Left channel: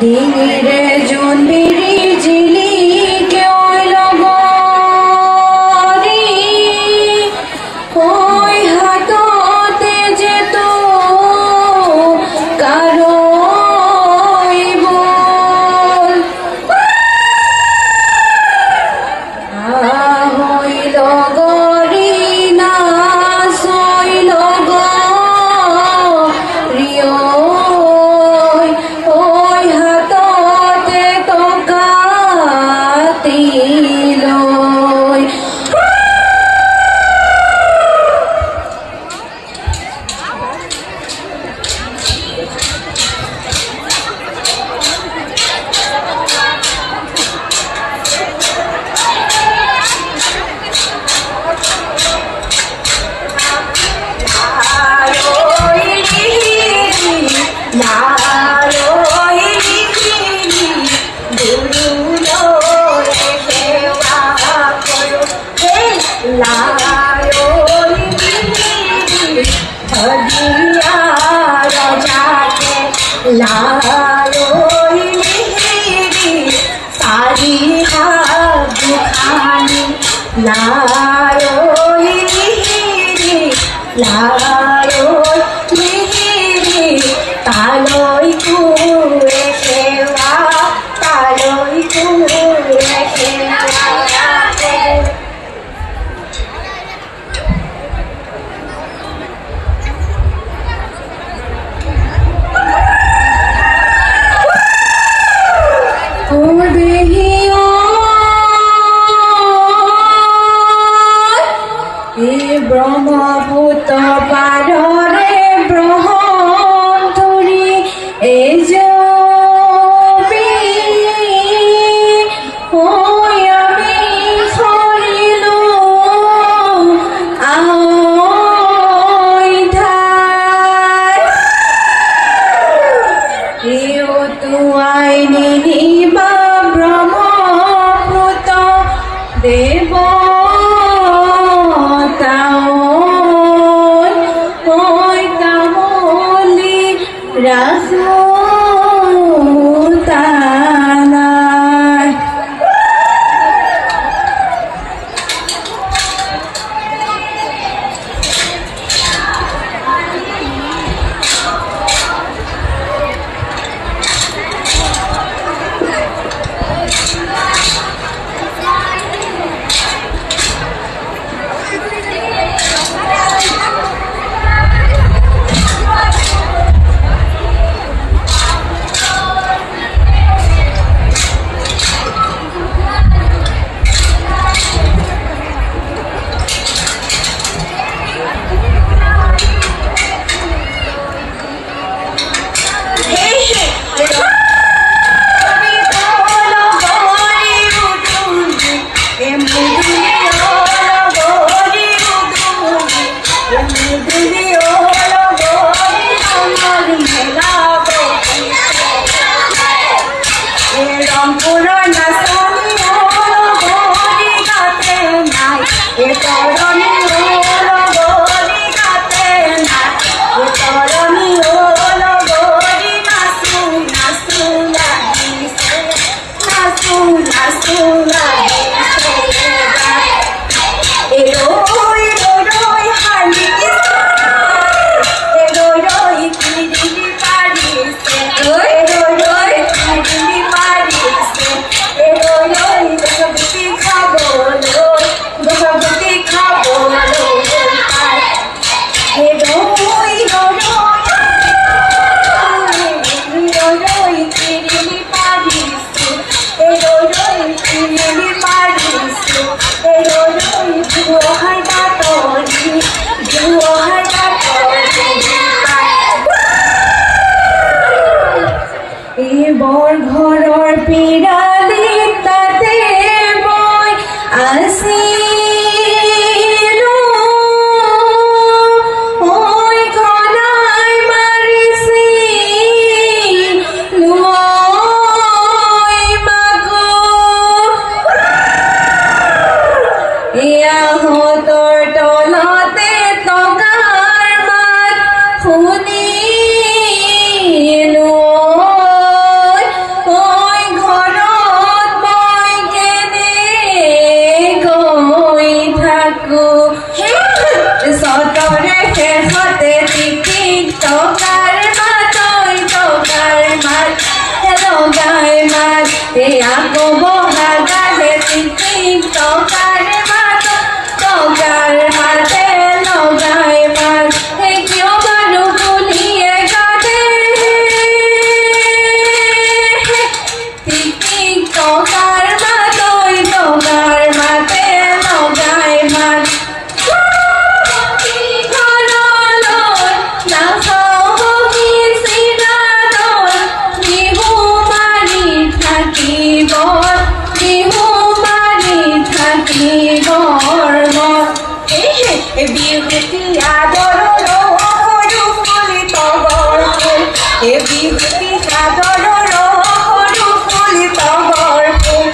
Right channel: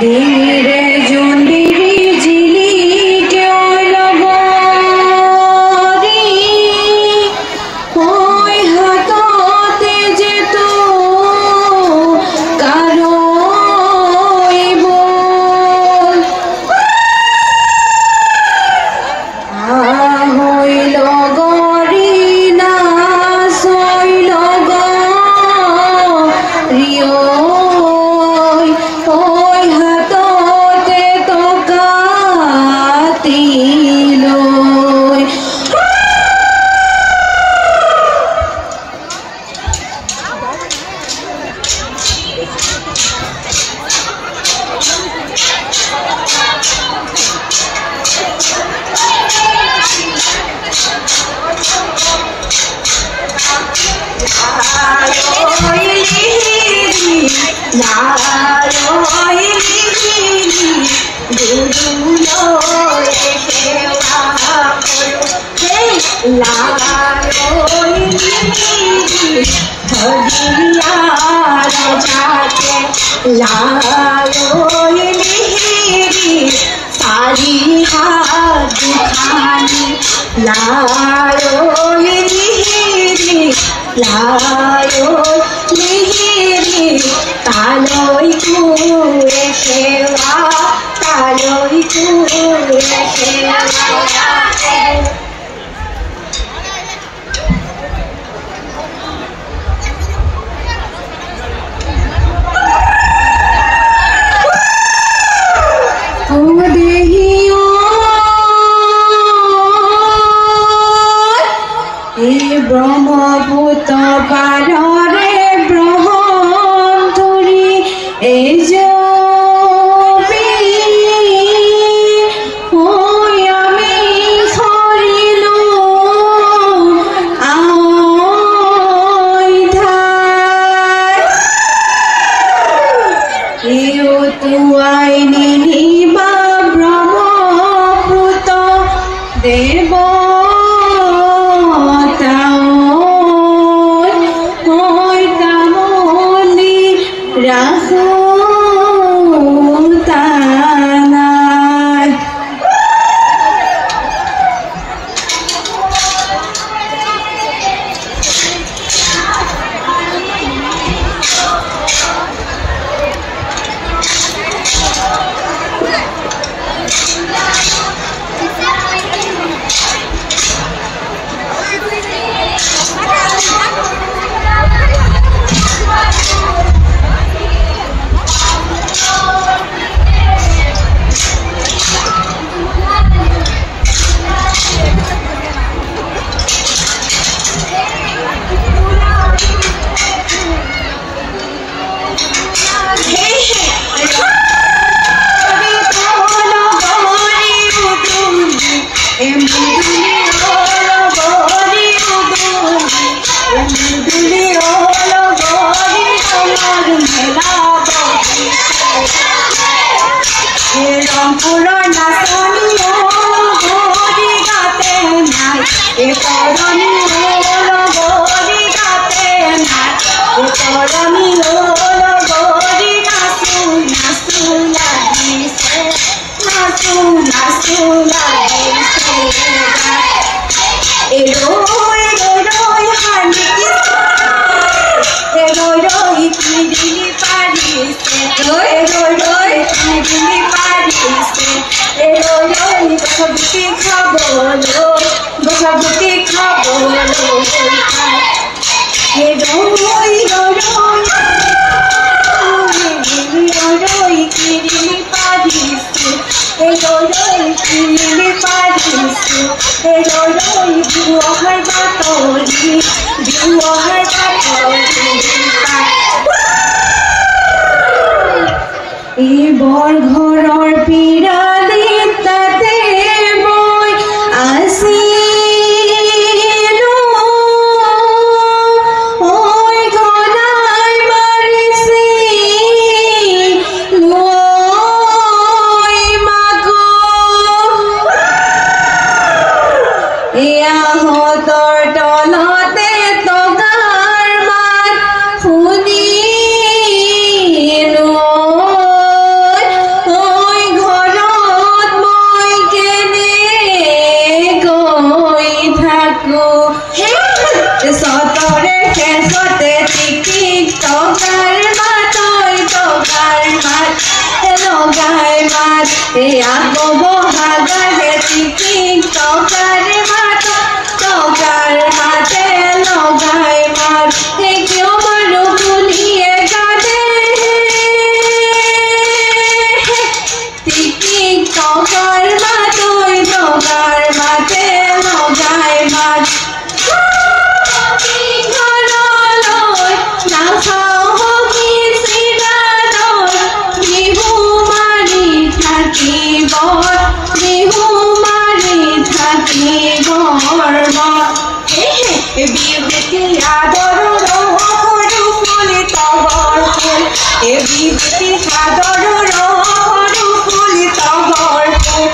ডিঙিৰে জোনবিৰি জিলিকে লগৰী কৈ হাততে যে তো কাৰৈ বল আহৈ লগৰী নাচৈ লগৰী ব্ৰহ্মপুত্ৰ পাৰৰে ব্ৰহ্মধুৰী এই আমি সৰিলো তুৱাই নিনিবা ব্ৰহ্মপুত্ৰ দেৱ বৰ ঘৰৰ পিৰালি তাতে মই আছিলো ঐ ঘনাই মাৰিছে লৈ মাগো এয়া হতৰ তলতে টকাৰ মাত শুনিলো আকৌ বহাগাহে টিপিং টকাৰ ভাত টকাৰ ভাতে লগাই মাত কিয় বাৰু বুলিয়ে গাতে টিপিং টকাৰ ভাতৈ টকাৰ ভাতে লগাই মাত বিহুতি আদৰৰ সৰু ফুলি তগৰ ফুল বিহুতি আদৰৰ সৰু ফুলি তগৰ ফুল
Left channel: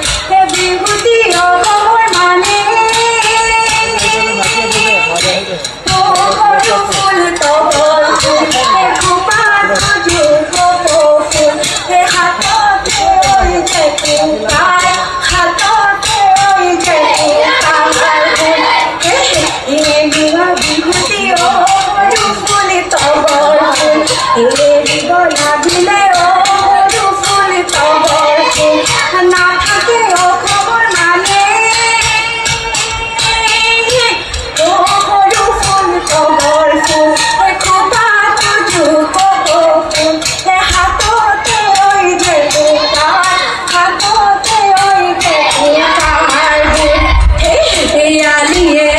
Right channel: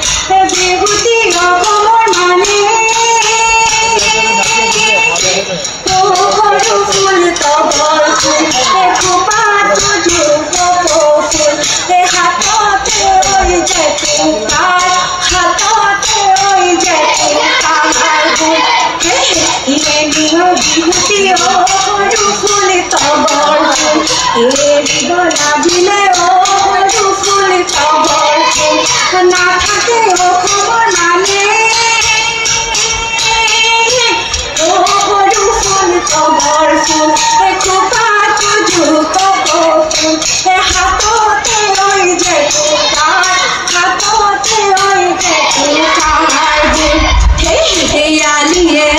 বিহুতি অসমৰ মানে সৰু ফুলি তগৰ ফুল খোপাত ফুল হাততে ওইছে টোকাৰ হাততে ওইছে টোকাৰ বিহুতি সৰু ফুলি তগৰ ফুল গলা দিলে সৰু ফুলি তগৰ ফুল নাথাকে অসমৰ মানে সৰু ফুলি তগৰ ফুল খোপাত ফুল হাততে ওইছে টোকাৰ হাততে ওইছে টোকাৰ আলিয়ে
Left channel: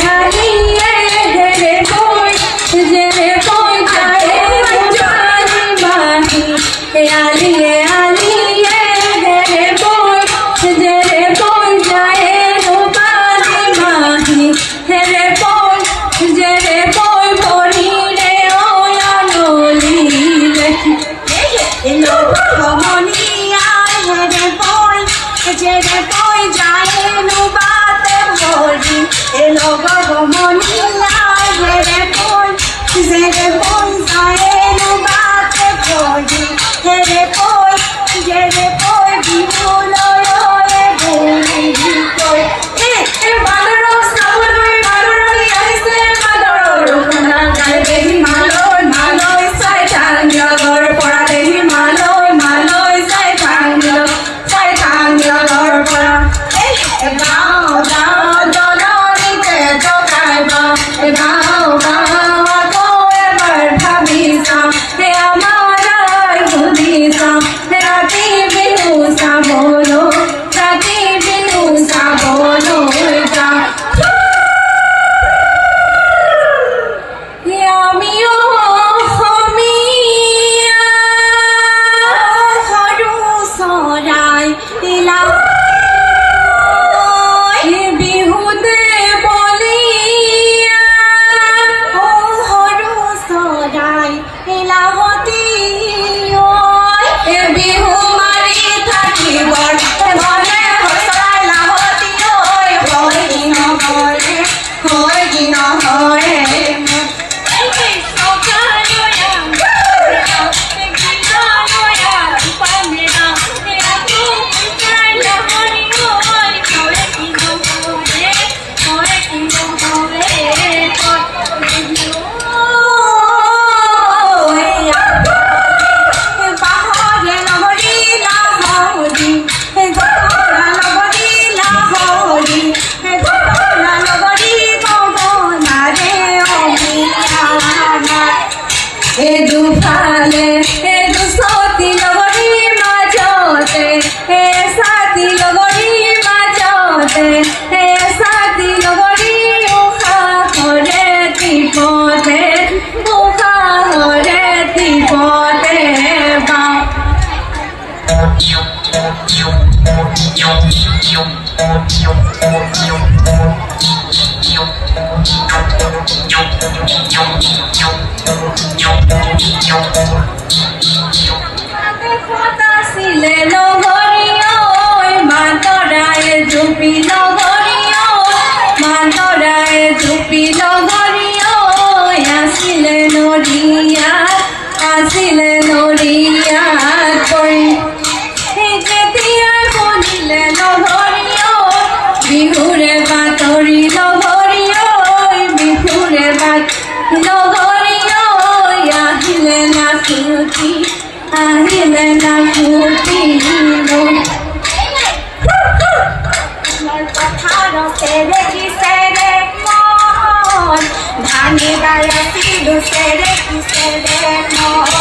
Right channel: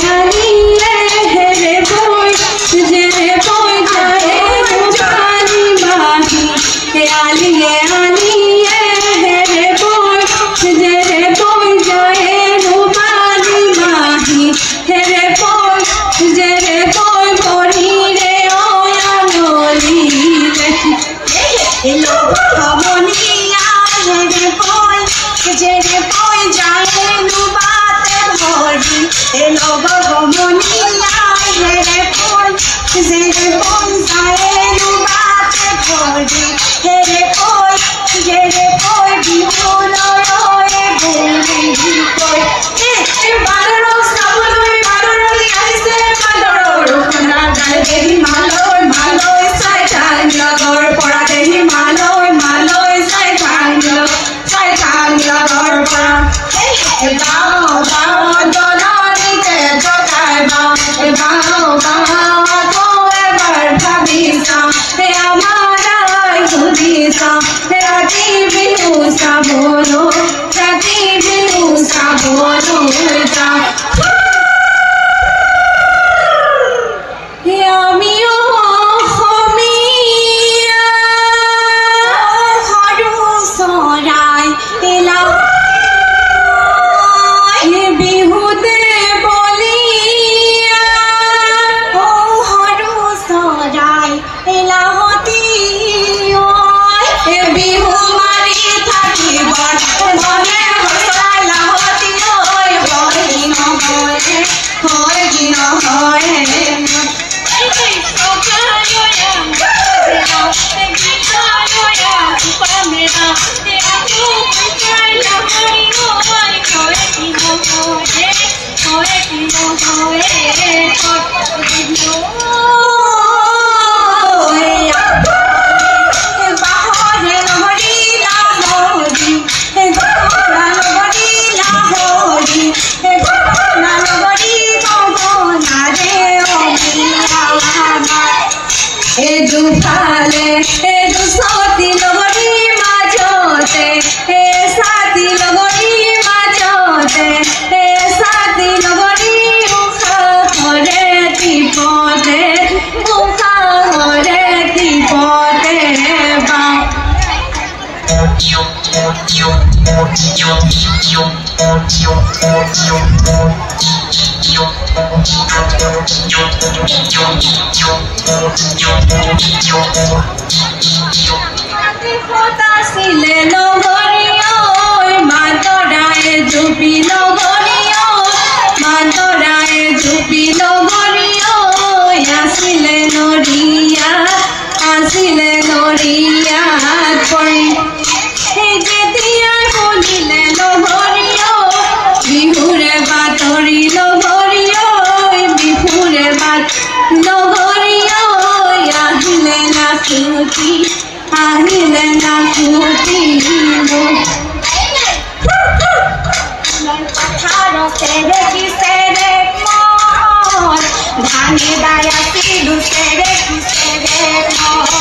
सेरे की सेरे मोर धानी डाला सिलु सेरे की सेरे मोर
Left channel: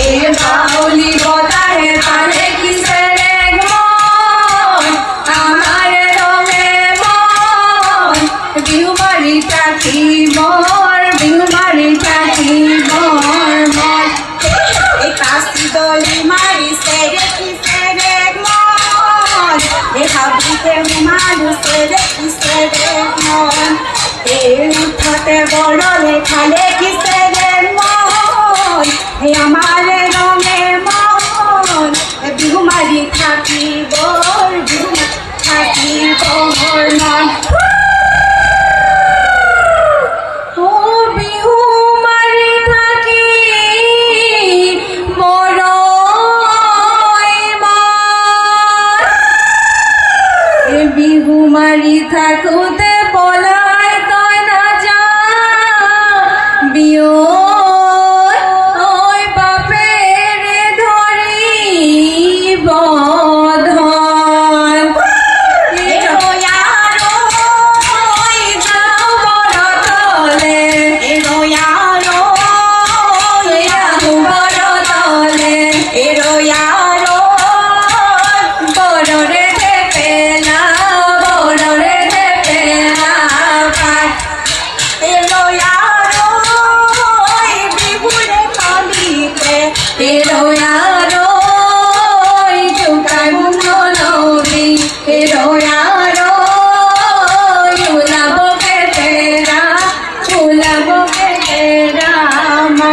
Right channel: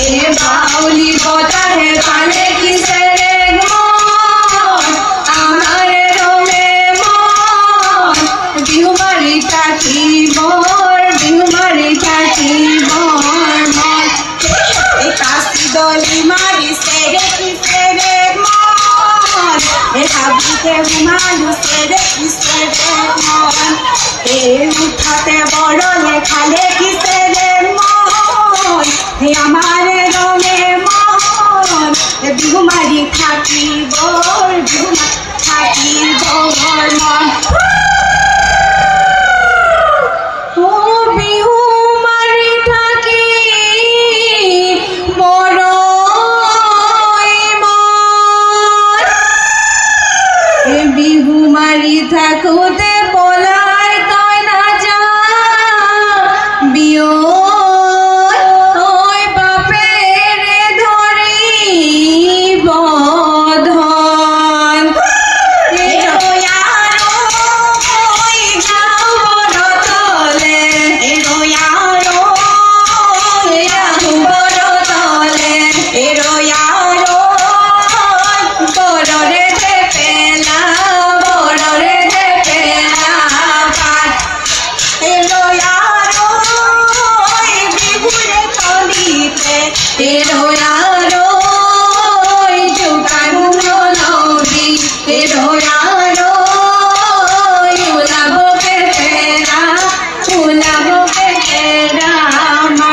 ए बाउली बतारे पाले की सेरे मोर आमारे रंगे मोर बिहुमारी काकी मोर बिहुमारी काकी मोर मोर ए काशी डोली मारी सेरे की सेरे मोर ए हाबी के रुमालू सेरे की सेरे मोर ए उठाते बड़ले खाले की सेरे मोर ए हमारे रंगे मोर ए बिहुमारी खाकी बोर बिहुमारी खाकी बोर मोर ओ बिहुमारी खाकी बिहुमारी थाकोते पलाय तय ना जा बियो ओय बापेर धरी बधन ए रोयारो ओय जाओ बड़ तले ए रोयारो ओय जाओ बड़ तले ए रोयारो बड़ रे पेला Pero yaro, yuka guno nobi. Pero yaro, yula boke tera ma.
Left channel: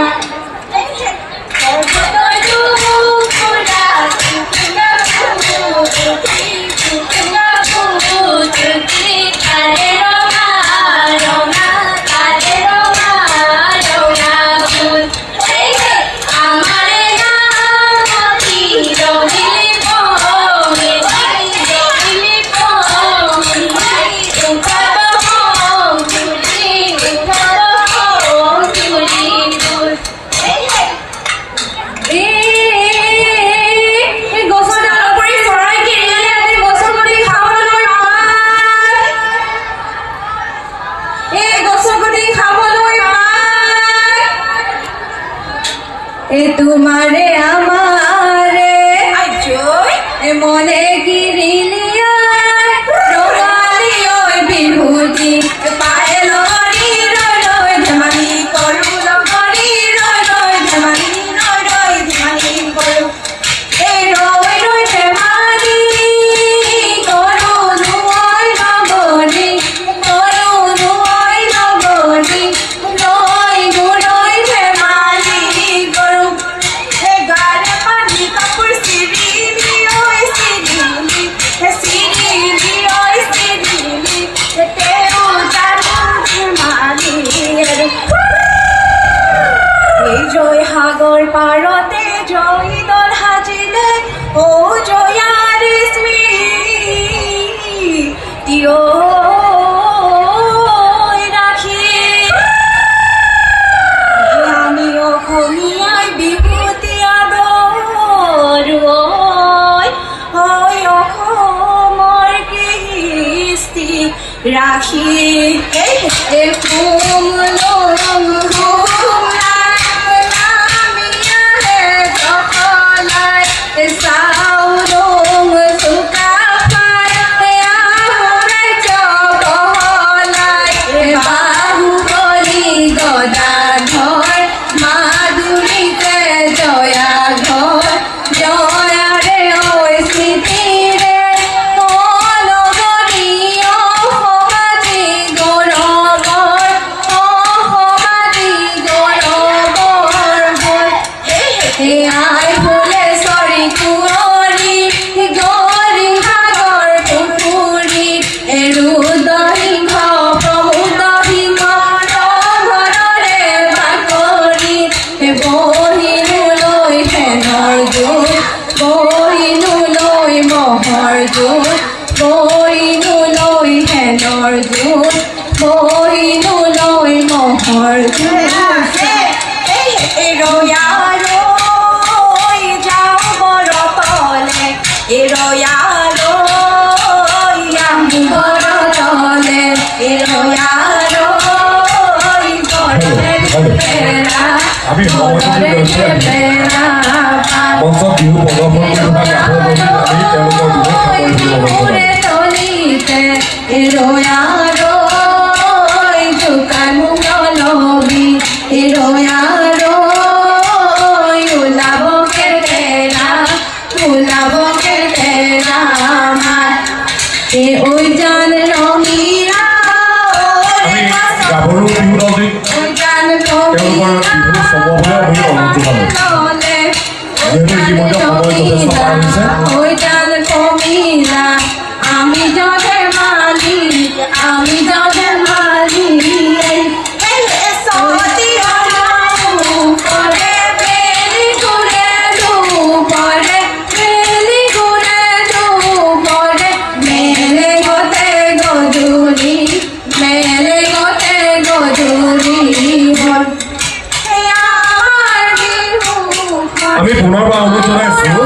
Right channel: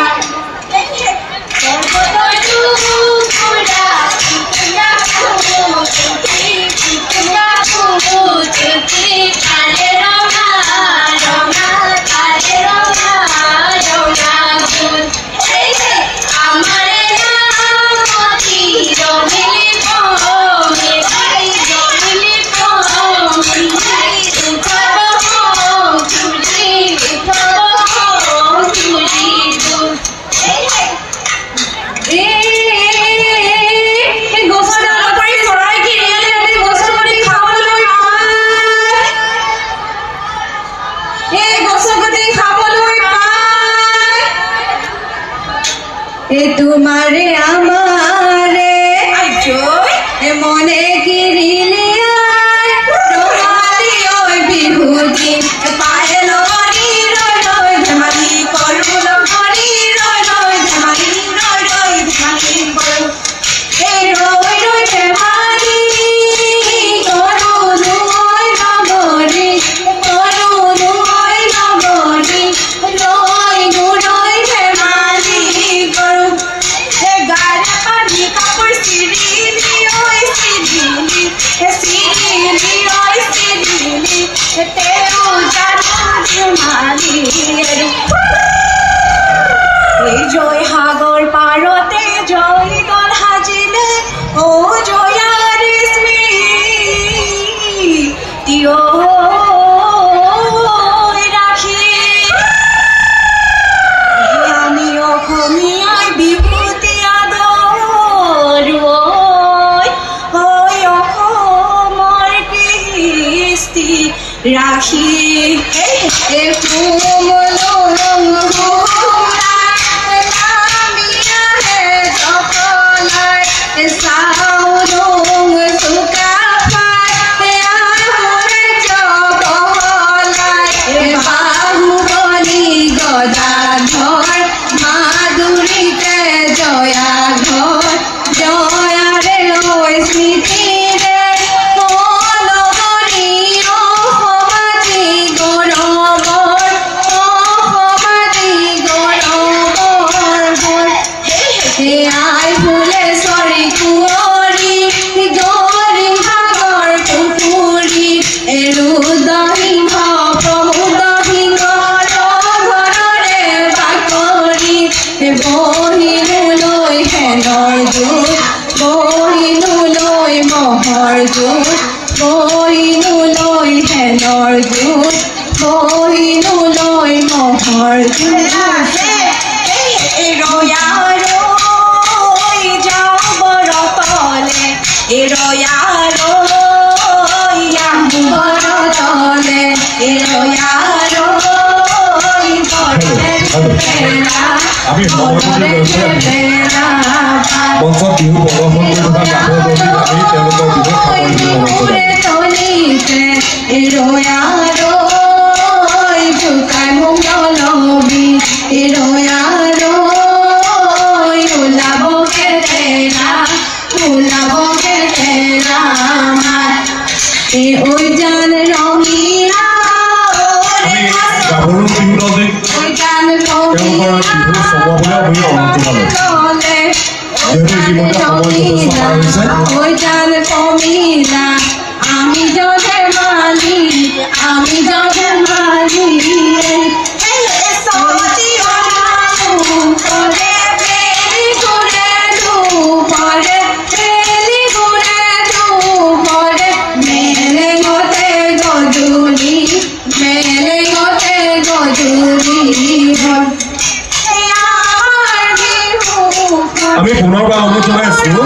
तुम्हारे आमारे मने गिरिलिया रोगाली ओय बिहुदी पायलो करी रोय रोय झमरी करुलो करी रोय रोय झमरी रोय रोय झमरी करू ए रोय रोय झमरी करू रोय नगरी करू रोय नगरी रोय गुरोय झमरी करू ए गाले पानी कपूर सिरिली ओय सिरिली ए सिरिली ओय सिरिली ए तेरू जाना झमाली रे ए जय हागर पारते जय दल हाजिले ओ जयार स्मृति ओ राखी एक माधुरीते जया घर जया रे ओय स्मृति Ero yaro, yang আমি মঞ্চত বিহু প্ৰদৰ্শন কৰি থকা গাভৰু দলটিক আমি তেওঁলোকৰ বিহুত গাভৰু বিহু দলটিক তেওঁলোকৰ বিহু চমুৱাবলৈ আমি অনুৰোধ জনালোঁ যেহেতু ইতিমধ্যে সময় যথেষ্ট পাৰ হৈছে আমি পুনৰবাৰ অনুৰোধ জনাইছোঁ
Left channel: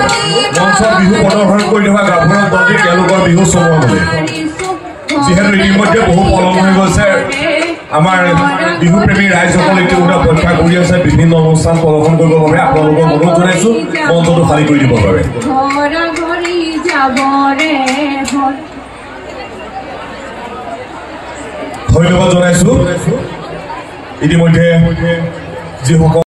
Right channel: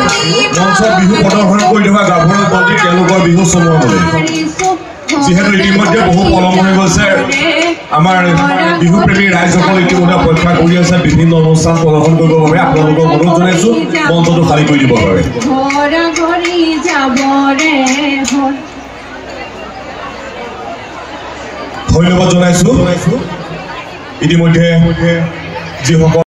মঞ্চত বিহু প্ৰদৰ্শন কৰি থকা গাভৰু দলটিক তেওঁলোকৰ বিহু চমুৱাবলৈ যিহেতু ইতিমধ্যে বহু পলম হৈ গৈছে আমাৰ বিহুপ্ৰেমী ৰাইজসকল ইতিমধ্যে অপেক্ষা কৰি আছে বিভিন্ন অনুষ্ঠান প্ৰদৰ্শন কৰিবৰ বাবে আপোনালোকক অনুৰোধ জনাইছোঁ মঞ্চটো খালী কৰি দিব পাৰে ধন্যবাদ জনাইছোঁ ইতিমধ্যে যিসকল